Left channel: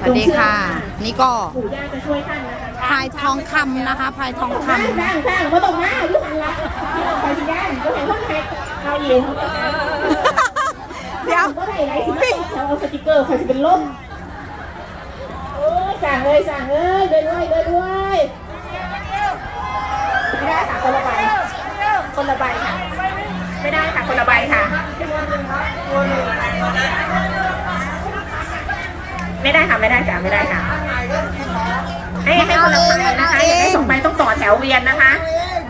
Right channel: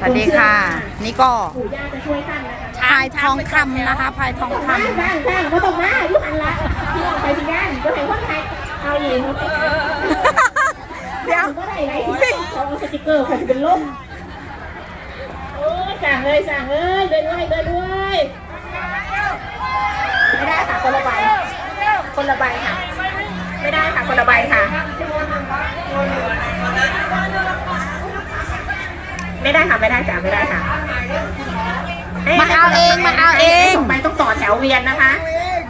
สวัสดีค่ะ นี่ก็ปู่ย่าจะช่วยท่านนะคะพายทองคำนะคะพายทองคำข้างนะข้างก็ต้องมาทุกอันละไปที่ด้านก็ให้คนไทยเอาเองเดี๋ยวก็ให้ไหนที่เอาสติกเกอร์ผมเป็นล่มโอ้ยสั่งเลยสั่งเลยเดินด้วยเดินด้วยไม่ได้ค่ะคนละใบคนละใบค่ะไม่ได้ค่ะคนละใบค่ะ ไม่ได้ค่ะไม่ได้จ้ะไม่ได้ค่ะมันเอาเองมันเอาเองส่งไปต้องต่อแถวเวียนนะคะ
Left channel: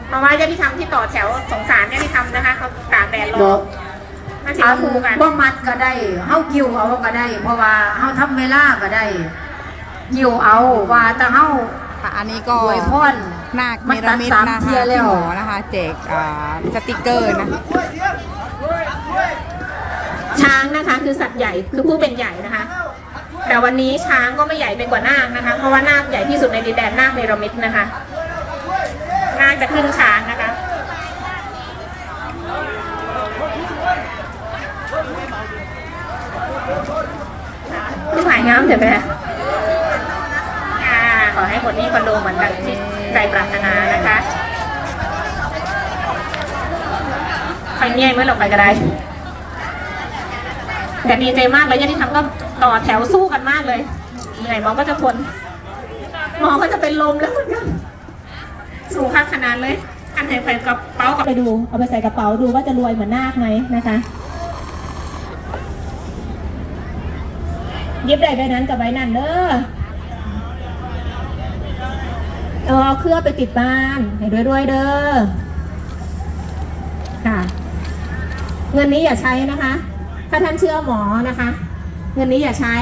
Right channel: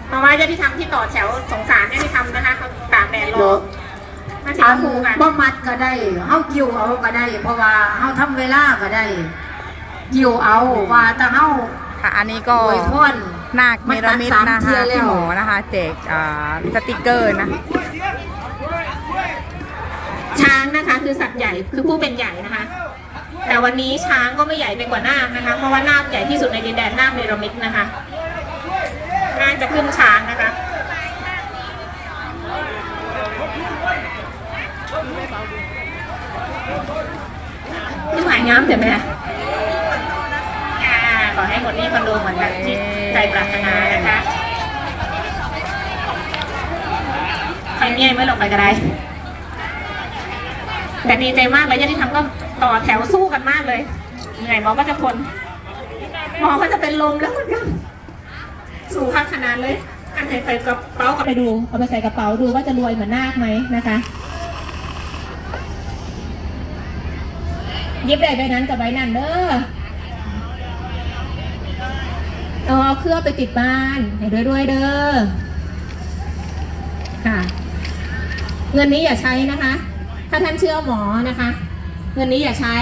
เพราะว่าญาติธรรมที่ต่อแถวสงสารญาติธรรมนะคะเขาตากแดดรอมาสีชเอามพูกันบ่มัดก็ได้เฮากิ้วเอาก็ได้ เพราะว่าเฮาทำเวลาก็ได้กิ้วเอาว่าแต่เฮาค่ะอันนี้ก็อวยพรนาคเนรมิตนะมันตัดสามเที่คะยแล้วพี่หมอนะคะแจกอ่าสติกเกอร์นะช้างนะคะคือสัตว์ใหญ่คือผู้เป็นใหญ่นะคะ แต่วันนี้ช้างก็ไม่ใหญ่ไปกว่านาคนะคะ เพราะว่านาคใหญ่ที่สุดในดินแดนนาคเนรมิตนะคะนาคจะขึ้นช้างนะคะผู้ถ่ายน้ำเถอะแม่ค่ะขอให้หมดนี้คนดูเหมือนดังจิตใจปรารถนานะคะใครเนี่ยเมื่อเราไปก็ได้แต่ดีใจมากเลยที่ทำก็ ต่อแถวสู้กันมากเลย เหนื่อยหมอก็จะทน หมอก็จะเป็นลมแล้วเหมือนกันสูงข้างขนาดเลยอันไหนไปกระเป๋าไปดู เอาไปใส่กระเป๋าดูว่าจะรวยเหมือนนาคไหมนะคะยิบได้ด้วยนั้นกับใบนั่นเด้อเอาเอาเครื่องไปติดบ้านให้ด้วยด้วยเด้อ ค่ะ เงินนี้อย่าใช้นะคะ ถ้าท่านเชื่อหมอนะคะ เงินนี้อย่าใช้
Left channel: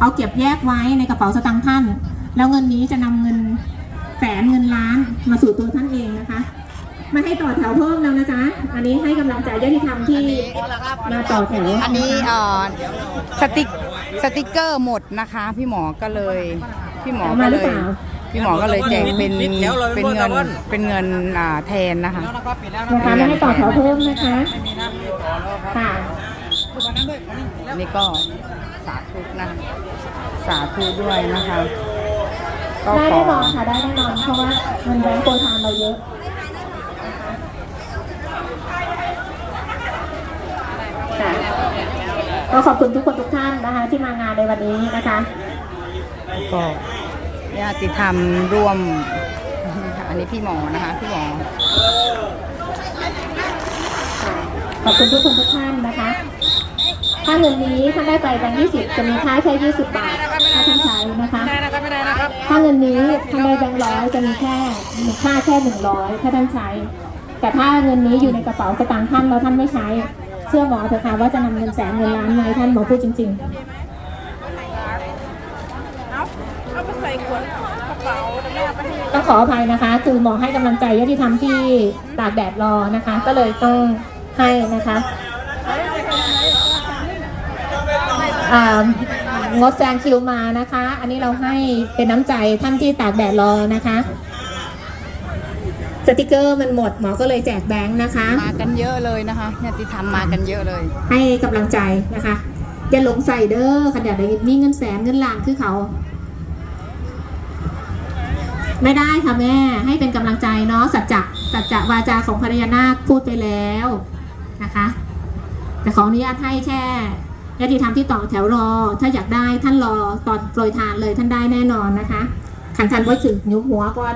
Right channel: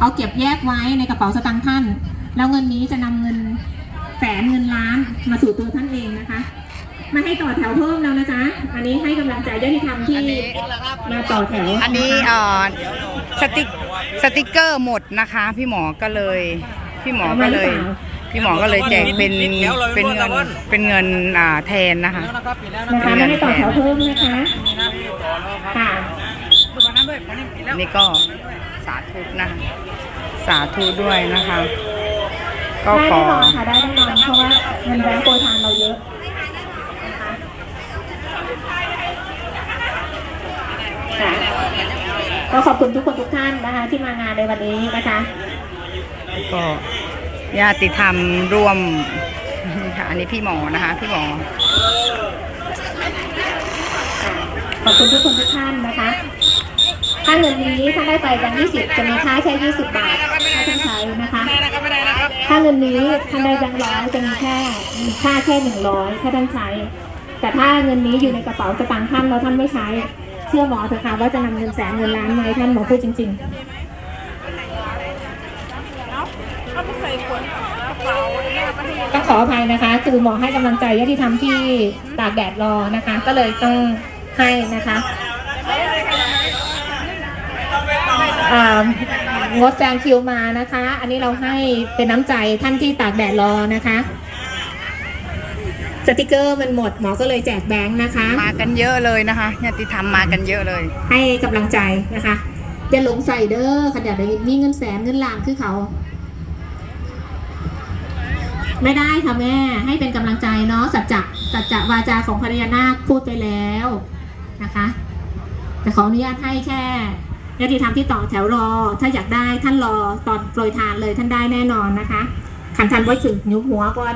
เอาเก็บแยกไว้ในกระเป๋าสตางค์ท่าน แล้วเงินนี้จะนำเงินแสนเงินล้านมาสู่ตัวท่านเองนะคะไม่ให้ต่อแถวเพิ่มแล้วนะจ๊ะ อันนี้ให้กำลังใจญาติธรรมที่อันนี้มาต่อแถว อันนี้เอ่อสติกสติกเกอร์หมดนะคะ พี่หมอก็เลย พี่หมอก็เลย พี่หมอก็เลยแจกเป็นเป็นเงินเป็นเงินอ่าแทนนะคะนะคะไม่ให้ต่อแถวเพิ่มนะคะค่ะ นี่ก็สาธุนะคะสาธุด้วยนะคะ ก็ได้ขอแน่นอนค่ะ ได้แน่นอนเพราะว่าเงินแบงก์โปรยทานเราเยอะนะคะค่ะก็ขอบคุณทุกคนทุกท่านนะคะ ที่มางานในวันนี้นะคะก็ญาติธรรมร่วมนี่ค่ะอันนี้พี่หมอนะคะ พี่หมอขอบคุณทุกคนทุกท่านนะคะ ค่าเงินนี้ถ้าได้ไปกัน20จะมีค่าแค่20บบาทถ้าท่านใช้นะคะค่าเงินนี้ท่านได้แบงค์ร้อยจะมีแค่มีค่าแค่100ถ้าท่านใช้ แต่ถ้าเงินนี้อยู่ในกระเป๋าสตางค์ท่านแล้วท่านไม่ใช้ เชื่อหมอเถอะค่ะว่าจะนำเงินแสนเงินล้านมาให้ท่านหมอพูดจริงๆต้องขออภัยนะคะ คือหมอให้กำลังใจญาติธรรมที่ตากแดดรอนะคะ ก็เลยต้องให้นะคะอ่า งดแซงคิวมานะคะ อันนี้เราให้เป็นน้ำใจท่านที่ตากแดดรอนะคะ สติกเกอร์มันหมดหมอก็เลยแจกแบงค์นะคะ มากันเยอะเลยนะคะญาติธรรมมากันเยอะเลย ให้กำลังใจนะคะอย่าหลงใส่เด้อขนาดนี้มีเงินแสนเงินล้านคือเขา ไม่ได้ค่ะแม่ ให้เป็นกำลังใจเนาะสัจจะสัจจะวาจาของภรรยานาคพูดไปแล้วนะคะ แต่ขออนุญาตให้แค่ ญาติธรรมที่ต่อแถวรอ ถ้าอยากได้ท่านรอตอนโปรยทานเลยท่านได้แน่นอนนะคะ ขันทันไว้ถึงยุบหัวก่อน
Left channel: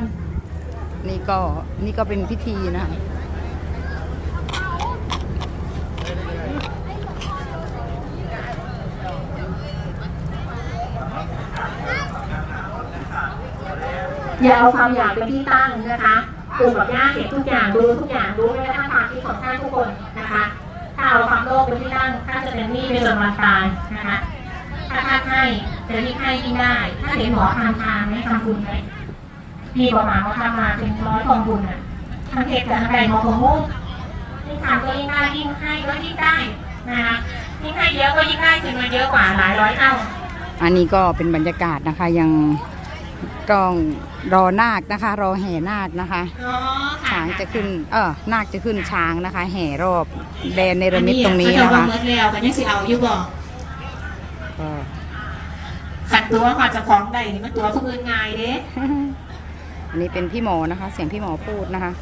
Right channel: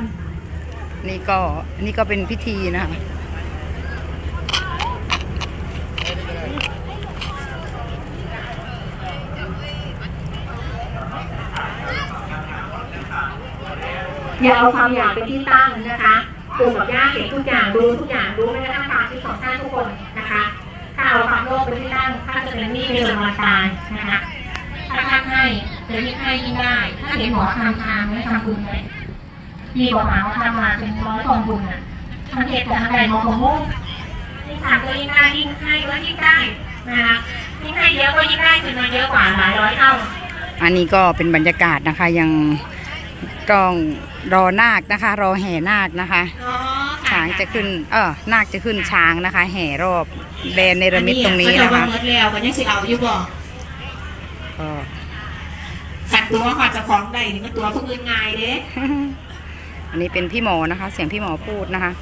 นี่ก็นี่ก็เป็นพิธีนะคะอย่าเอาความอยากเป็นที่ตั้งนะคะปู่กับย่าเห็นทุกอย่างดูทุกอย่างรู้ไม่กระทั่งความคิดของท่านทุกคนนะคะ ถ้าเอาความโลภเป็นที่ตั้งท่านจะเป็นหนี้ไปจนวันตายนะคะถ้าท่านให้จะยิ่งให้ยิ่งได้ ถ้าเห็นหมอทำทานไหมทำบุญไหมมีประมาณว่าทำมาเป็นร้อยกองบุญอะมันเหตุจากอะไรหมอของโง่ยิ่งทานก็ยิ่งได้ยิ่งให้ก็ยิ่งได้นะคะยิ่งให้เยอะก็ยิ่งได้คืนมาเยอะกว่าหลายร้อยเท่าอันนี้ก็เป็นบรรยากาศนะคะยังต้องรอนาคนะคะ รอแห่นาคนะคะอ๋อ ช้างจะขึ้น เออนาคจะขึ้นช้างนะคะ แห่รอบแดนเนรมิตตรงนี้อันะคะเมื่อแล้วก็ยังสิเอาอยู่บ่ก็ขันตัวว่าจะของใดนี่มันตัวผู้อื่นง่ายเด้อันนี้เป็นพี่หมอนะคะ เสียงพี่หมอพูดนะคะ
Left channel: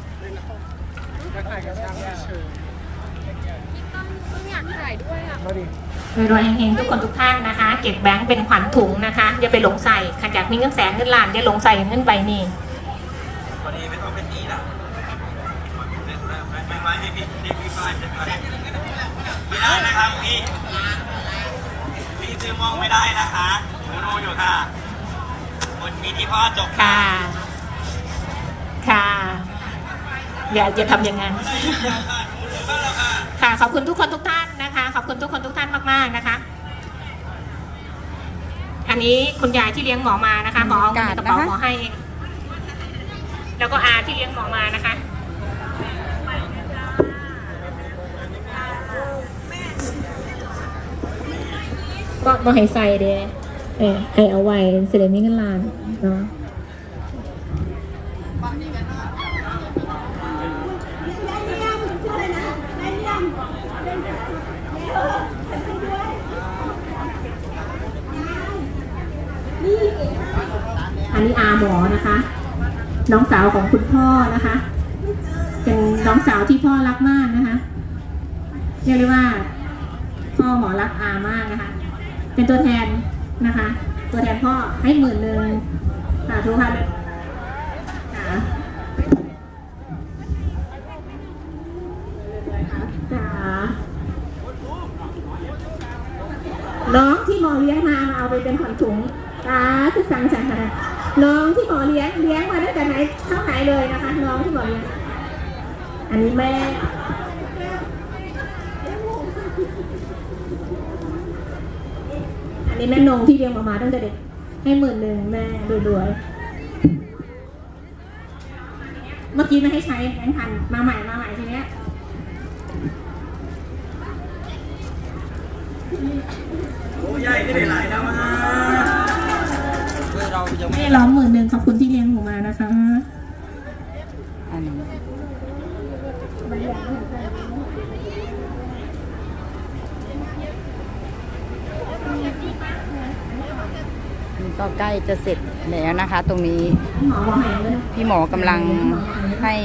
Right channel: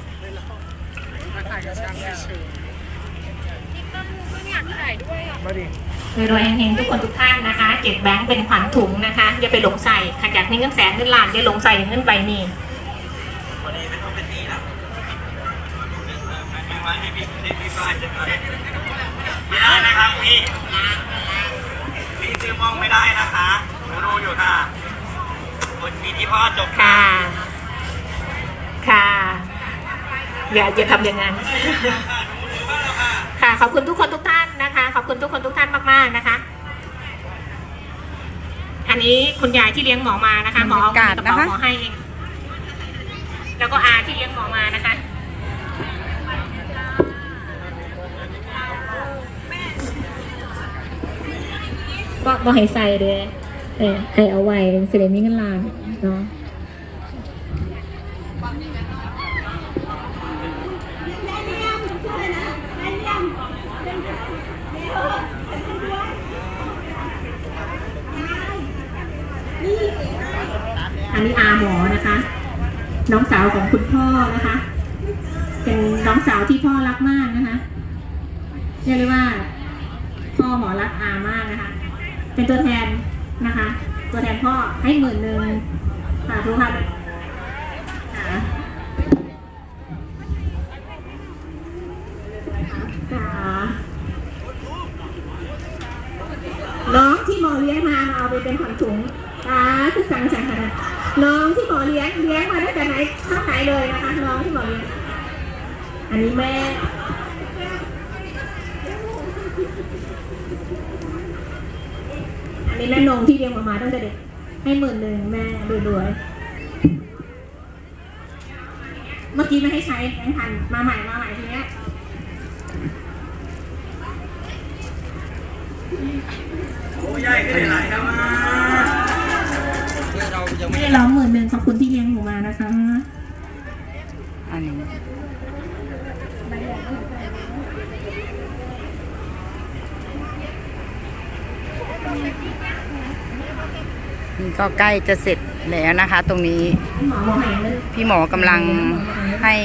มีรวยเฮงๆทุกคนทุกท่านนะคะเก็บแบงค์เป็นขวัญถุงนะคะอย่าไปหลงใส่ขันอยากมีเงินแสนเงินล้านอย่าหลงใส่เงินใบนี้ ไม่ได้นะครับพี่พี่ซื้อมองไม่ได้นะคะหนูดูอยู่ค่ะคนมีที่พ่อจบค่ะ ค่ะ อย่าอย่าทำอย่างนั้น ค่ะขอบคุณทุกคนทุกท่านนะคะ ขอบคุณทุกคนทุกท่านมากๆนะคะ อันนี้คุณยายที่เลี้ยงหมอมานะคะหมอเอากระเป๋าบรรยากาศนะคะหมอให้เองแล้วก็อาที่เลี้ยงหมอมานะคะ บ่ให้ใส่เด้เออให้เอาไว้เสด็จมีเงินล้านเนาะอันนี้อาหมอนะคะ น้องสาวของคุณพ่อนะคะ เป็นน้องสาวที่พ่อรักมากนะคะเรียกได้ว่า พ่อหมอรักอามากนะคะ เป็นตัวแทนนะคะ ตัวแทนพ่อให้หมื่นหนึ่งค่ะทุกท่านค่ะน้องที่หมอเลี้ยงมามาเอาไปเป็นขวัญถุงตาคือสั่งสั่งค่ะน้องที่หมอเลี้ยงเลี้ยงมาตั้งแต่ไหนเท่าไหนเลยนะคะน้องที่หมอเลี้ยง อันนี้แม่ อันนี้แม่นงที่เลี้ยงมามาตั้งแต่เด็ก ให้หมื่นหนึ่งแม่รวยๆเมื่อกี้ไม่ให้ใช้แบงค์พันมาใหม่มาใหม่ทีเนี้ยผู้ใหญ่ก็ได้หลายแล้วนะให้ร้องหมื่นหนึ่งขอบคุณที่เลี้ยงหนูมานะคะ อันนี้นี่ ก็ใกล้จะเสร็จแล้วนะคะ ตรงนี้พี่หมอกำลังให้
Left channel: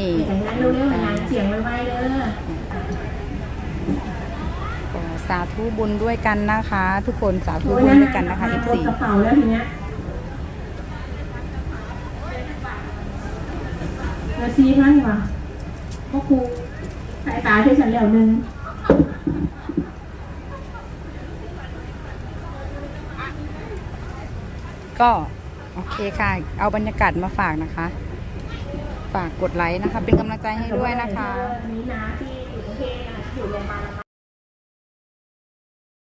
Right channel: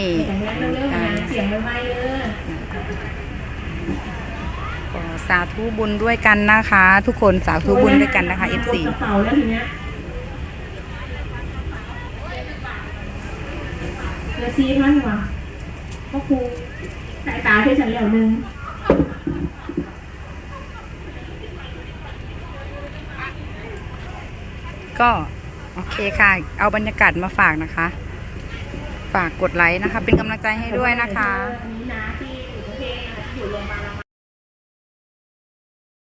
สาธุบุญด้วยกันนะคะ ทุกคนสาธุบุญด้วยกันนะคะ F4 กระเป๋าแล้วทีเนี้ยเหลือซีพันกว่าก็ครูสายตาที่ฉันเหลียวหนึ่ง ก็โอเคค่ะ เอาบรรยากาศมาฝากนะคะ ฝากกดไลค์นะคะ เป็นกำลังใจให้ด้วยนะคะ